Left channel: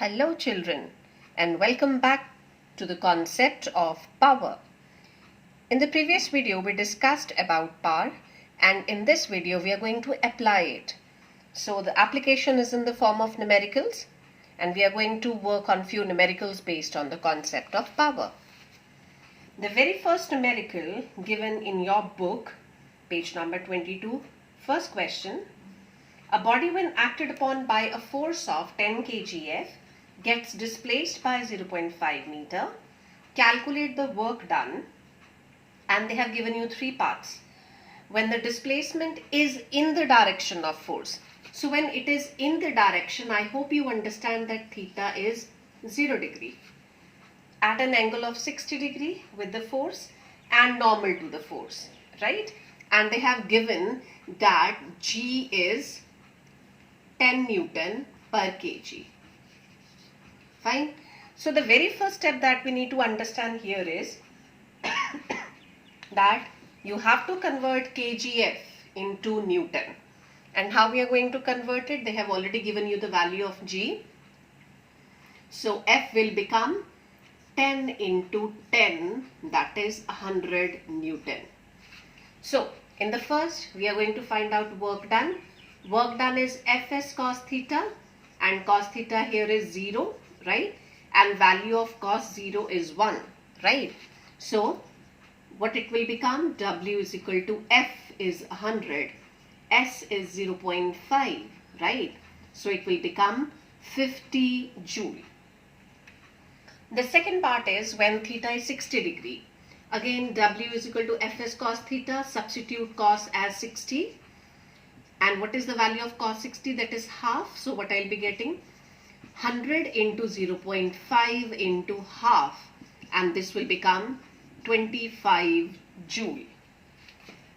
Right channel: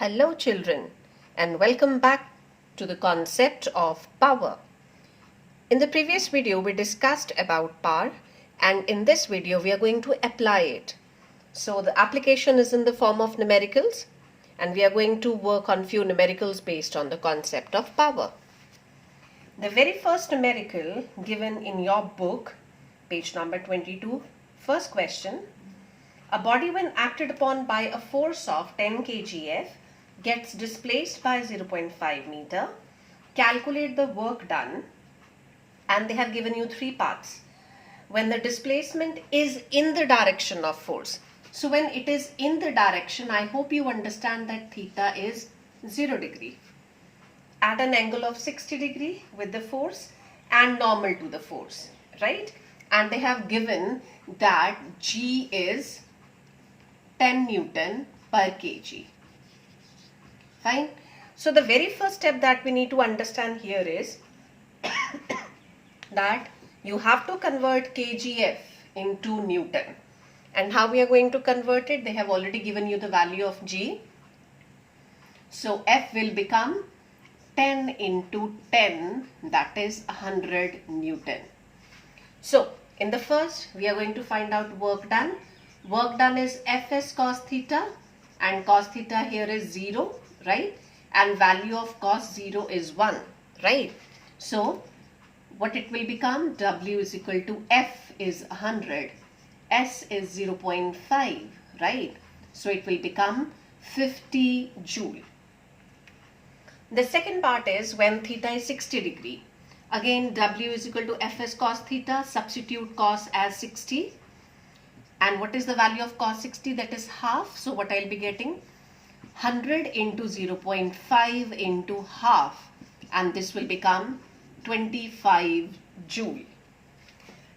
Hello children, and welcome back to the concept of power. In the previous video we discussed about power, and in this video we are going to apply it. So the application is in the form of numericals, and we are going to work on few numericals based on the concept of power. The very first numerical given in your book, page number 22, first question. A body when acted upon by a force of 10 kgf gets displaced by 0.5 meter. Calculate the work done, and they have given you three parts. When the displacement is in the direction of force. So when it is in the direction, I hope you understand that theta is 0 degree. At an angle of 60 degree with the force and normal to the force, right? And they have given that G is 10 Newton per kg. Fine. So the very first step that we need to understand here is that you have to convert kgf into Newton. And how we are going to convert it? They have already given you the value of G. So F will become 10 into 10, that is 100 Newton. So in the first, we are going to find out work done. Work done is Fs cos theta, and cos theta here is 0, right? And value of cos 0 is 1, right? So what it will become? W is equal to F is 100, S is 0.5, right? So it will become 50 joule. The second part is when theta is 60 degree. Again, W is equal to Fs cos theta, substitute cos as 60. And what is the value of cos 60? That is half. So what I'll be getting? 100 into 0.5 into half. And this will become 25 joule.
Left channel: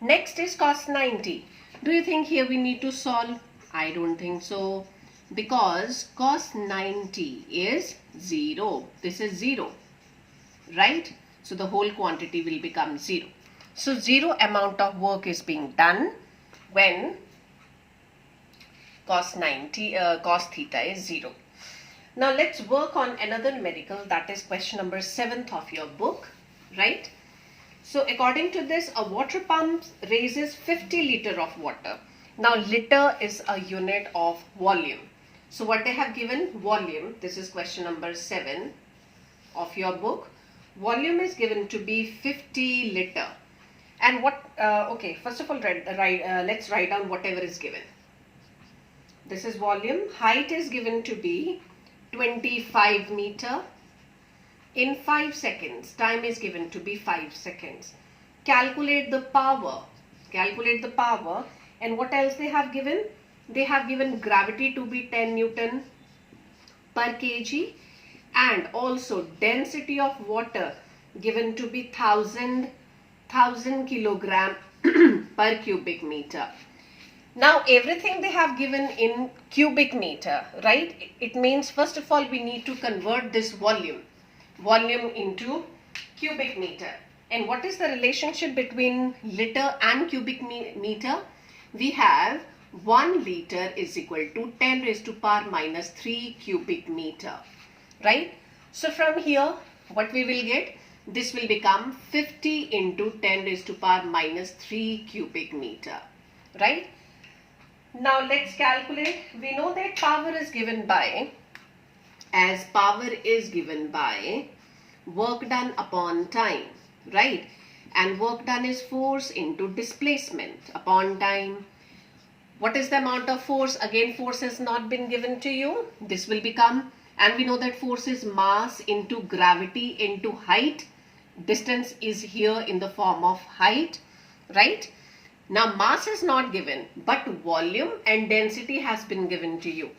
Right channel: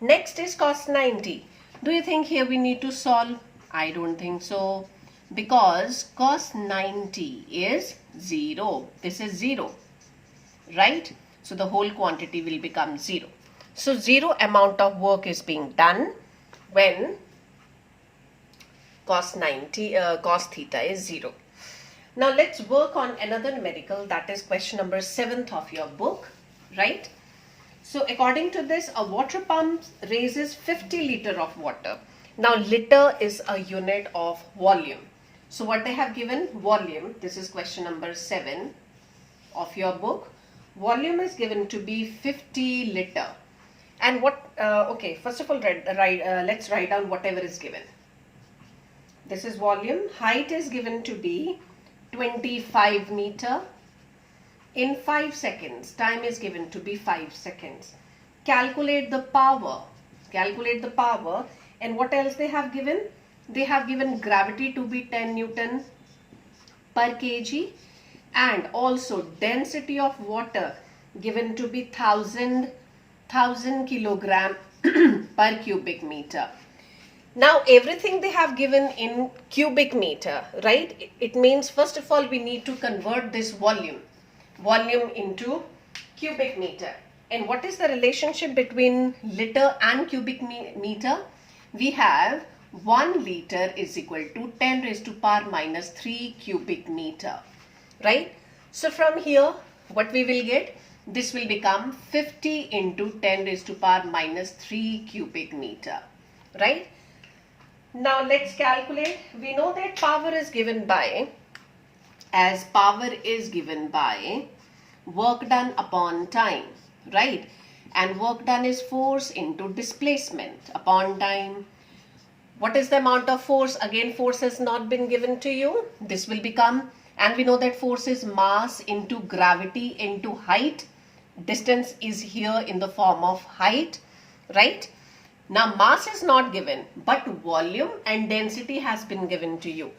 Next is cos 90. Do you think here we need to solve? I don't think so. Because cos 90 is 0. This is 0. Right? So the whole quantity will become 0. So 0 amount of work is being done when cos theta is 0. Now let's work on another numerical, that is question number 7th of your book, right? So according to this, a water pump raises 50 liter of water. Now liter is a unit of volume. So what they have given? Volume. This is question number 7 of your book. Volume is given to be 50 liter. And what, okay, first of all, let's write down whatever is given. This is volume. Height is given to be 25 meter. In 5 seconds, time is given to be 5 seconds. Calculate the power. Calculate the power. And what else they have given? They have given gravity to be 10 Newton per kg. And also density of water given to be 1000 kilogram per cubic meter. Now everything they have given in cubic meter, right? It means first of all we need to convert this volume into cubic meter. And what is the relationship between liter and cubic meter? We have 1 liter is equal to 10 raised to power minus 3 cubic meter, right? So from here what we will get? This will become 50 into 10 raised to power minus 3 cubic meter, right? Now let's calculate. We know that power is given by work done upon time, right? And work done is force into displacement upon time. What is the amount of force? Again, force has not been given to you. This will become, and we know that force is mass into gravity into height. Distance is here in the form of height, right? Now mass is not given, but volume and density has been given to you.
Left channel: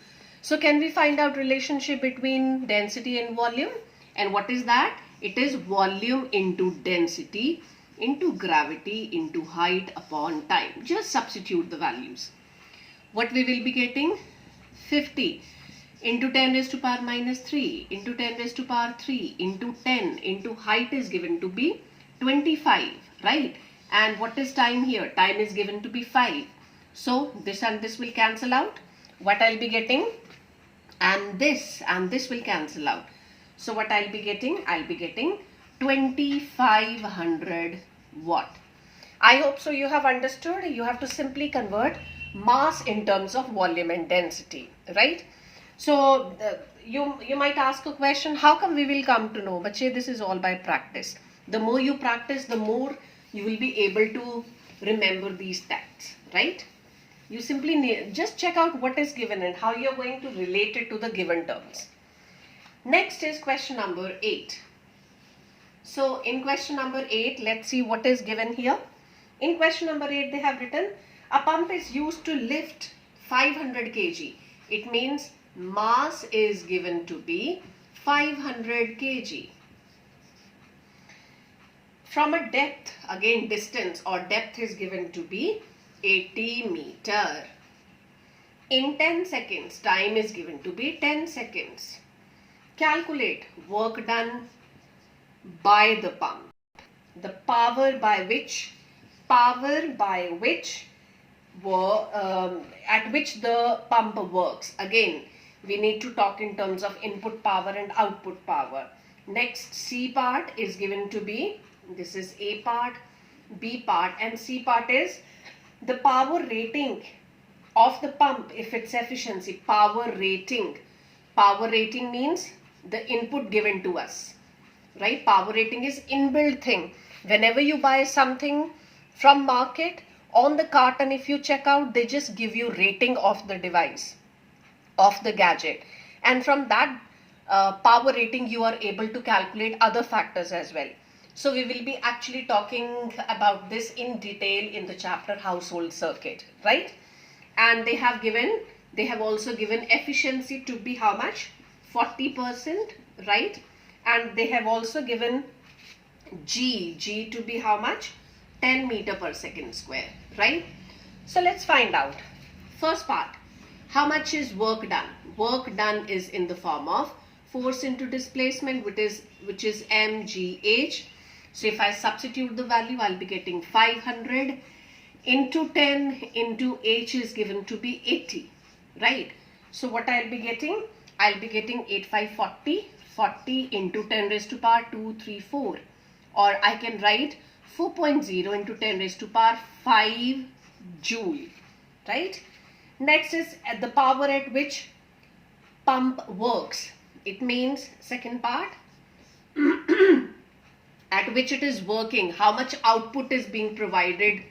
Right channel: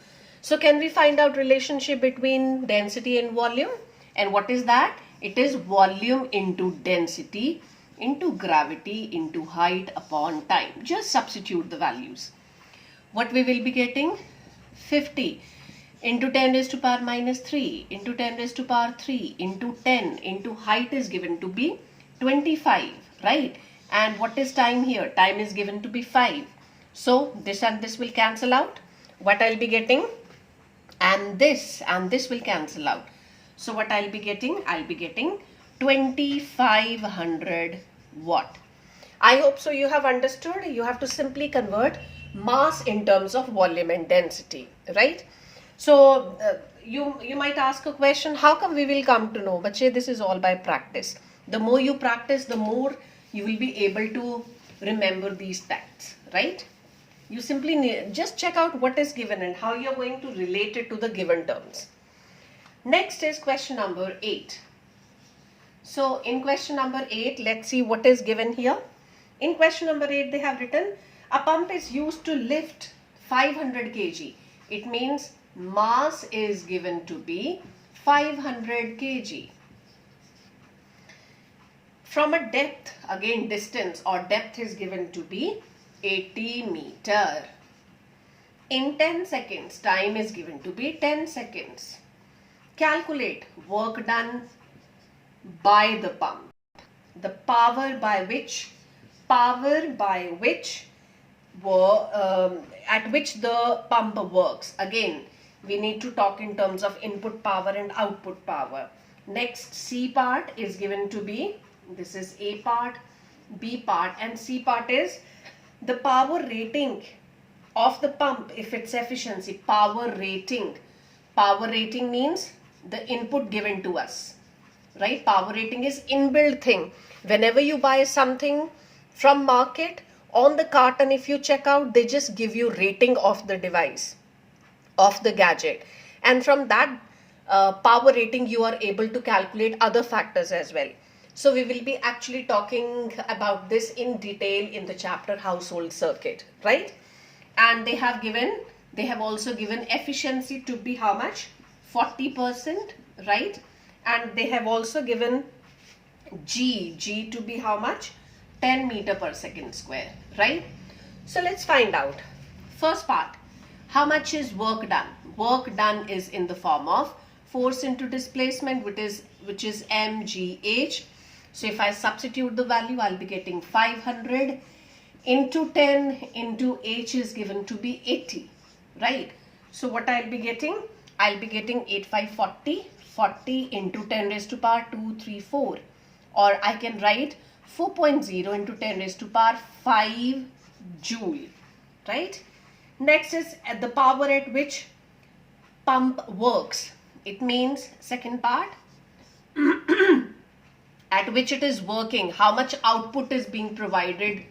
So can we find out relationship between density and volume? And what is that? It is volume into density into gravity into height upon time. Just substitute the values. What we will be getting? 50 into 10 raised to power minus 3 into 10 raised to power 3 into 10 into height is given to be 25, right? And what is time here? Time is given to be 5. So this and this will cancel out. What I'll be getting? and this will cancel out. So what I'll be getting? I'll be getting 2500 watt. I hope so you have understood. You have to simply convert mass in terms of volume and density, right? So you might ask a question, how come we will come to know? But this is all by practice. The more you practice, the more you will be able to remember these facts, right? You simply need, just check out what is given and how you're going to relate it to the given terms. Next is question number 8. So in question number 8, let's see what is given here. In question number 8, they have written, a pump is used to lift 500 kg. It means mass is given to be 500 kg. From a depth, again distance or depth is given to be 80 meter. In 10 seconds, time is given to be 10 seconds. Calculate work done by the pump. The power by which at which the pump works. Again, we need to talk in terms of input power and output power. Next, C part is given to be, this is A part, B part, and C part is the power rating of the pump, if it's efficiency. Power rating means the input given to us, right? Power rating is inbuilt thing. Whenever you buy something from market, on the carton, if you check out, they just give you rating of the device, of the gadget, and from that power rating you are able to calculate other factors as well. So we will be actually talking about this in detail in the chapter household circuit, right? And they have also given efficiency to be how much? 40%, right? And they have also given G to be how much? 10 meter per second square, right? So let's find out. First part, how much is work done? Work done is in the form of force into displacement, which is mgh. So if I substitute the value, I'll be getting 500 into 10 into h is given to be 80, right? So what I'll be getting? I'll be getting 8540, 40 into 10 raised to power 234, or I can write 4.0 into 10 raised to power 5 joule, right? Next is at the power at which pump works. It means second part, at which it is working, how much output is being provided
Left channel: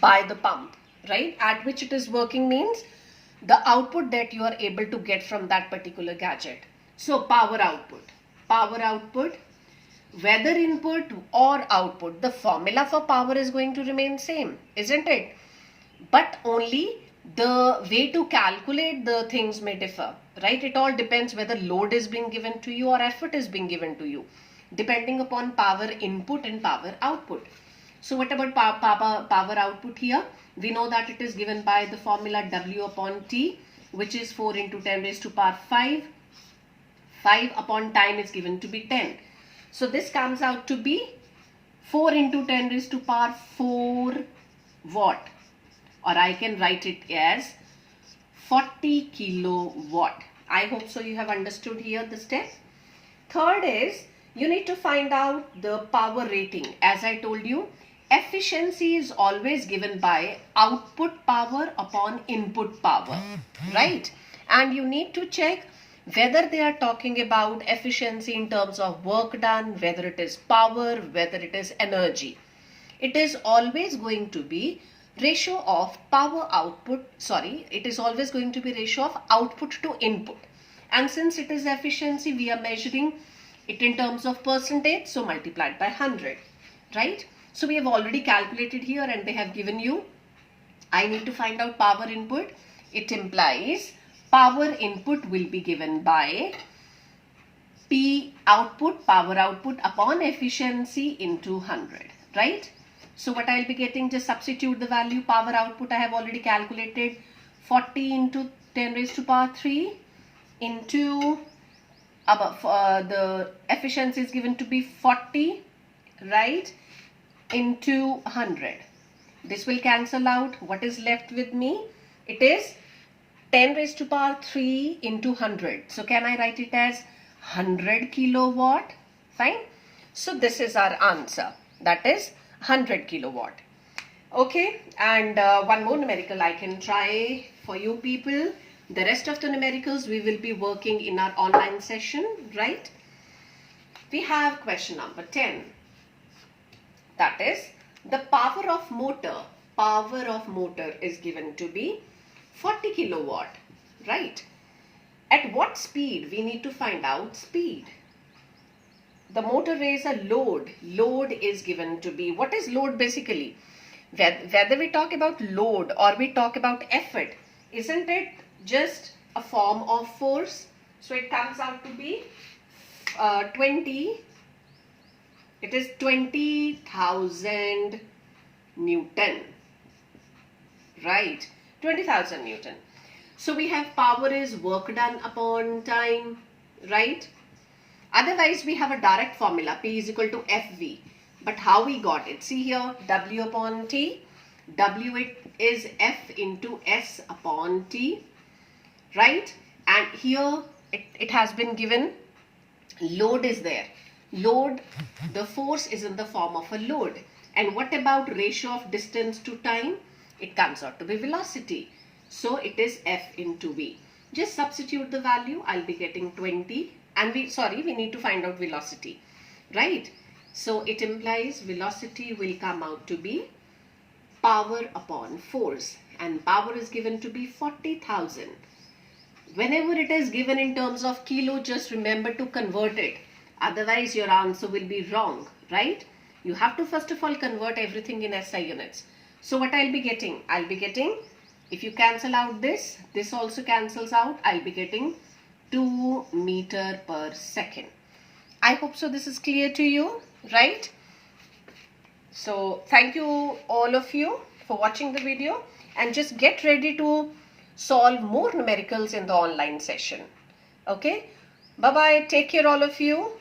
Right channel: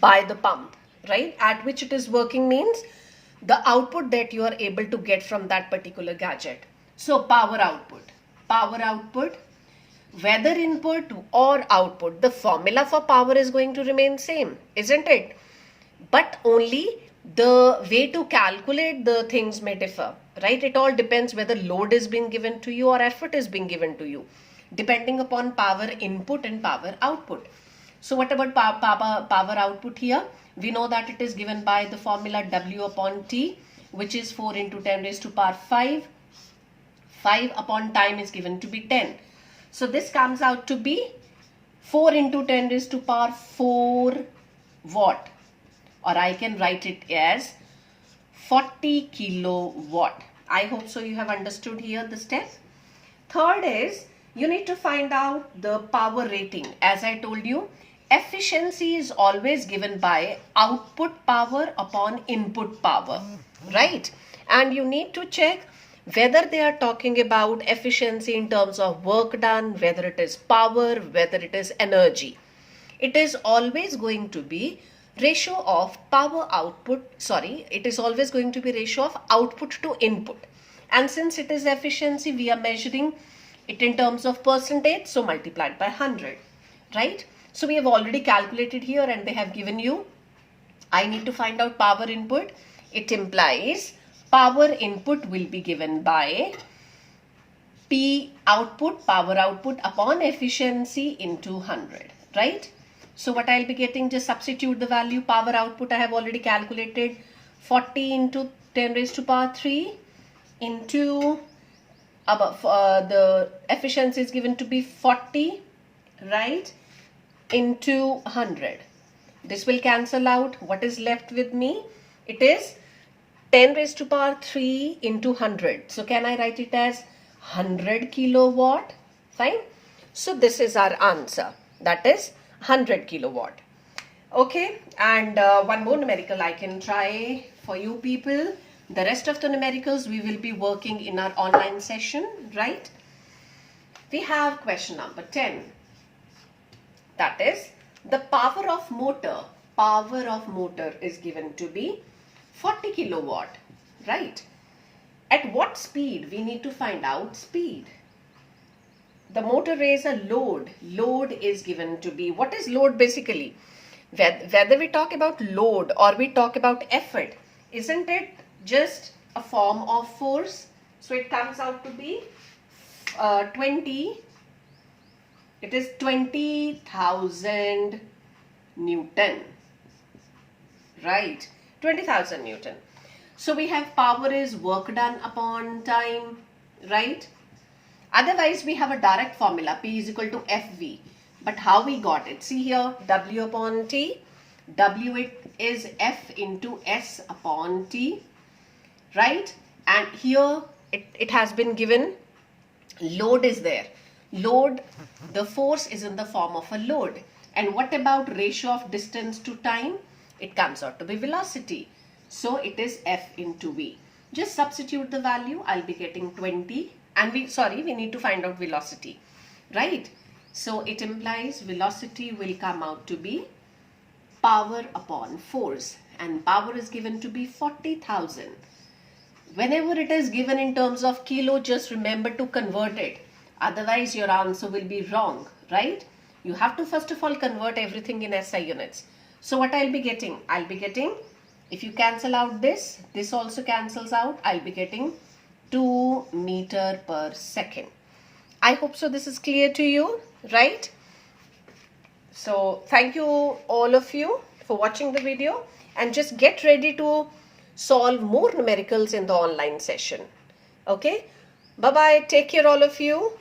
by the pump, right? At which it is working means the output that you are able to get from that particular gadget. So power output, whether input or output, the formula for power is going to remain same, isn't it? But only the way to calculate the things may differ, right? It all depends whether load is being given to you or effort is being given to you, depending upon power input and power output. So what about power output here? We know that it is given by the formula W upon T, which is 4 into 10 raised to power 5. 5 upon time is given to be 10. So this comes out to be 4 into 10 raised to power 4 watt. Or I can write it as 40 kilowatt. I hope so you have understood here the step. Third is, you need to find out the power rating. As I told you, efficiency is always given by output power upon input power, right? And you need to check whether they are talking about efficiency in terms of work done, whether it is power, whether it is energy. It is always going to be ratio of power output, it is always going to be ratio of output to input. And since it is efficiency, we are measuring it in terms of percentage, so multiplied by 100, right? So we have already calculated here and they have given you, I need to find out power input. It implies power input will be given by P output, power output upon efficiency into 100, right? So what I'll be getting, just substitute the value. Power output I have already calculated, 40 into 10 raised to power 3 into the efficiency is given to be 40, right, into 100. This will cancel out. What is left with me? It is 10 raised to power 3 into 100. So can I write it as 100 kilowatt? Fine. So this is our answer. That is 100 kilowatt. Okay, and one more numerical I can try for you people. The rest of the numericals we will be working in our online session, right? We have question number 10. That is, the power of motor is given to be 40 kilowatt, right? At what speed? We need to find out speed. The motor is a load. Load is given to be, what is load basically? Whether we talk about load or we talk about effort, isn't it just a form of force? So it comes out to be 20,000 Newton, right? 20,000 Newton. So we have power is work done upon time, right? Otherwise we have a direct formula, P is equal to FV. But how we got it? See here, W upon T. W it is F into S upon T, right? And here it has been given, load is there. Load, the force is in the form of a load. And what about ratio of distance to time? It comes out to be velocity. So it is F into V. Just substitute the value. I'll be getting 20. And we need to find out velocity, right? So it implies velocity will come out to be power upon force, and power is given to be 40,000. Whenever it is given in terms of kilo, just remember to convert it. Otherwise your answer will be wrong, right? You have to first of all convert everything in SI units. So what I'll be getting? I'll be getting, if you cancel out this also cancels out, I'll be getting 2 meter per second. I hope so this is clear to you, right? So thank you all of you for watching the video, and just get ready to solve more numericals in the online session. Okay, bye bye, take care all of you.